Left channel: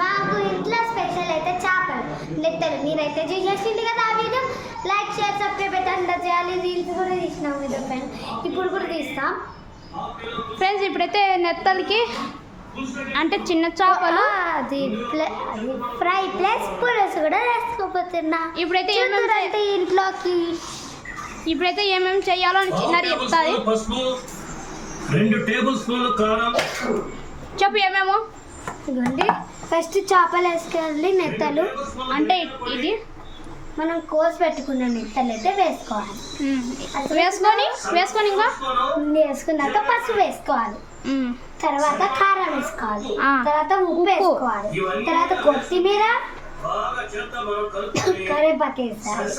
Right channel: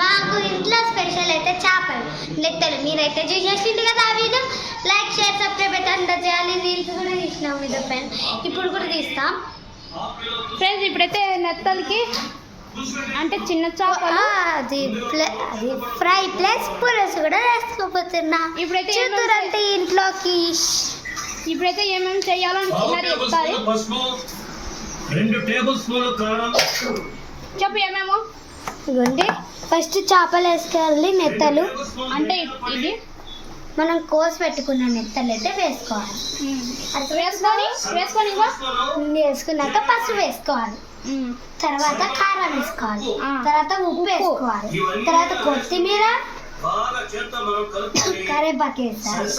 మాకు ఇంట్లో స్పెషల్ అయితే చేపలు నెత్తలు. మీరైతే చూసేసింది కదా ఆ వీడియో. లైక్ షేర్ సబ్స్క్రైబ్ అయితే అందరూ చేయాలి. రీల్స్ కూడా తీసినాం మీద ఫ్రెండ్, ఇప్పుడు కూడా తీస్తాం ఫ్రెండ్స్. ఇప్పుడైతే నెత్తలకి అంటే చిన్న చేపలు అది ఫ్రై ప్లస్ పులుసు కూడా వేసుకోపోతున్నా. ఇప్పుడైతే చూద్దురంటే ఇంట్లోకి ఇప్పుడైతే ఏమేమి చేయాలో చిన్నది చెప్తారు. 2 టేబుల్ స్పూన్లు కారం. చెప్పు ఏమేమో. ఇదిగోండి, ఫస్ట్ చేపలు వేసుకోవాలి. నెత్తలు అంటే ఇది మనం కోసి పెట్టుకున్న నెత్తలు అయితే వేసుకోవాలి. వేసుకొని ఇంకా వేసుకున్నాక పసుపు వేసుకోవాలి, తర్వాత కారం వేసుకోవాలి, తర్వాత ఉప్పు వేసుకోవాలి, తర్వాత కొత్తిమీర కరివేపాకు వేసుకోవాలి.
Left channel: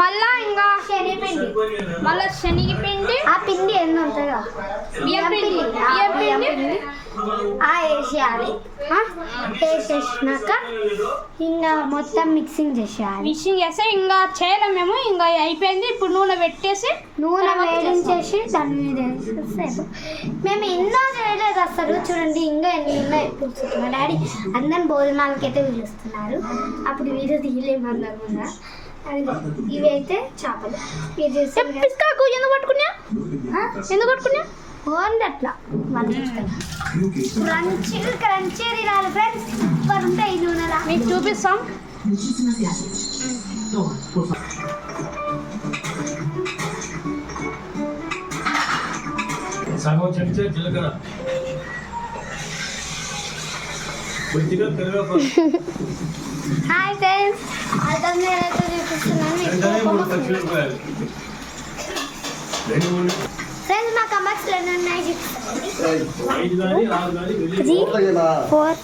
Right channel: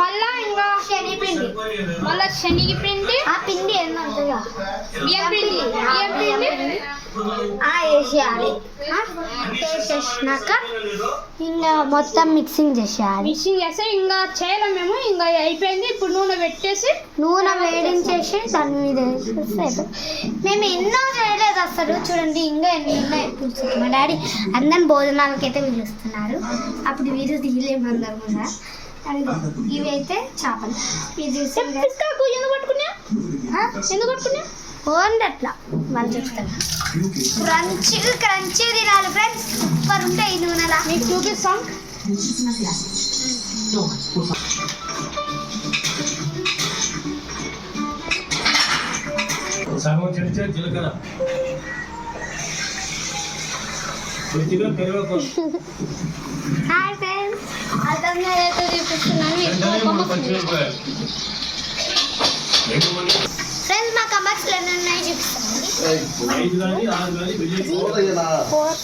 మళ్ళా ఇంకా శనగపిండి, మళ్ళా శనగపిండి, ఆ పిండి ఎన్ని ఉంటుందో బియ్యం పిండి వేసేయాలి. వేసేసినాక ఇంకా మొత్తం మిక్సింగ్ చేసేయాలి. మిక్సింగ్ చేస్తే ఇంకా చేయలేము మేము. ఇంకా అయిపోయింది. ఇప్పుడు నూనె పెట్టేసి నూనె వేడించేసి దాని మీద వేసేసారు. మేము ఎన్నో చేయలేదు అసలు. చూడండి ఇంకా ఎన్ని ఉన్నాయి. మా డాడీ అందరిని భోజనాలకి అయితే పిలుస్తున్నారు. అప్పుడు వీడియో తీయలేము అందరు కూడా. ఇవి అయితే చేపలు. ఇది ఎందుకు పట్టుకున్నా ఓన్లీ అట్లా వాళ్ళు చూస్తారు. క్రంచీ తినాలి ఫ్రెండ్స్. సూపర్ ఉంటాయి ఈ నూనెలా. మీకు చూపిస్తాం. సగం చెంచా జీలకర్ర, కొద్దిగా కరివేపాకు. హాయ్ ఫ్రెండ్స్, అర్థం నేనైతే చూపిస్తున్నాను. ఫ్రెండ్స్ మా కమెంట్స్ ఎన్ని ఉన్నాయి చూపిస్తాను.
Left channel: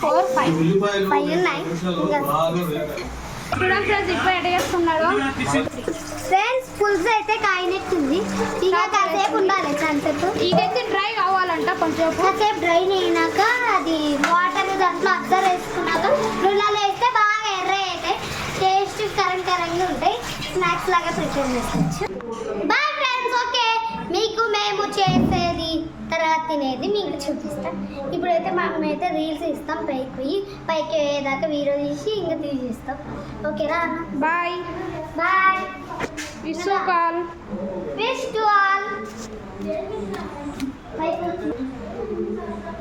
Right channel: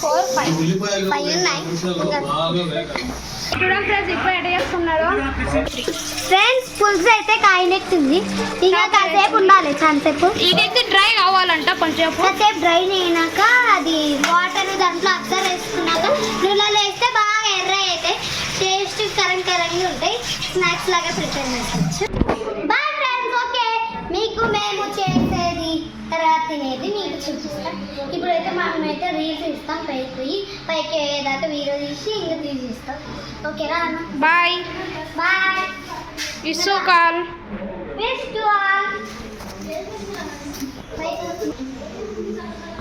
4, 5 ఉన్నాయి. చూడండి ఫ్రెండ్స్, ఇప్పుడు ఎట్లా చేస్తున్నారు. ఫ్రెండ్స్ పులుసు అయితే కాయనెట్టుంది. ఇంకా కాసేపు ఉండాలి. కాసేపు ఇదైతే డ్రై కావాలంట. కొంచెం కాసేపు డ్రై అయినాక అది వాటర్ దాంట్లో అద్దరు వేసుకున్నాక నువ్వులలో వేస్తే బాగా ఎర్ర అయితే టేస్ట్ కరంగా ఉంటాయి. స్నాక్స్ లాగా ప్రిపేర్ చేసుకోవచ్చు. Bye friends. ఓకే, మీకు మేము చేసేది తర్వాత తినేది మీకు చూపిస్తాం. ఇప్పుడైతే మనమైతే రీల్స్ ఇస్తాం. పైకి అయ్యేదాకా వీడియో తీసి ఇంకా తీసిస్తాం. ఓకేనా అన్న? Bye bye. It's call wish to all.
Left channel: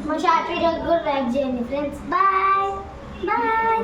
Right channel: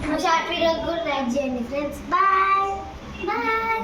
మా షార్ట్ వీడియోకి కూడా లైక్ చేయండి ఫ్రెండ్స్. Bye bye.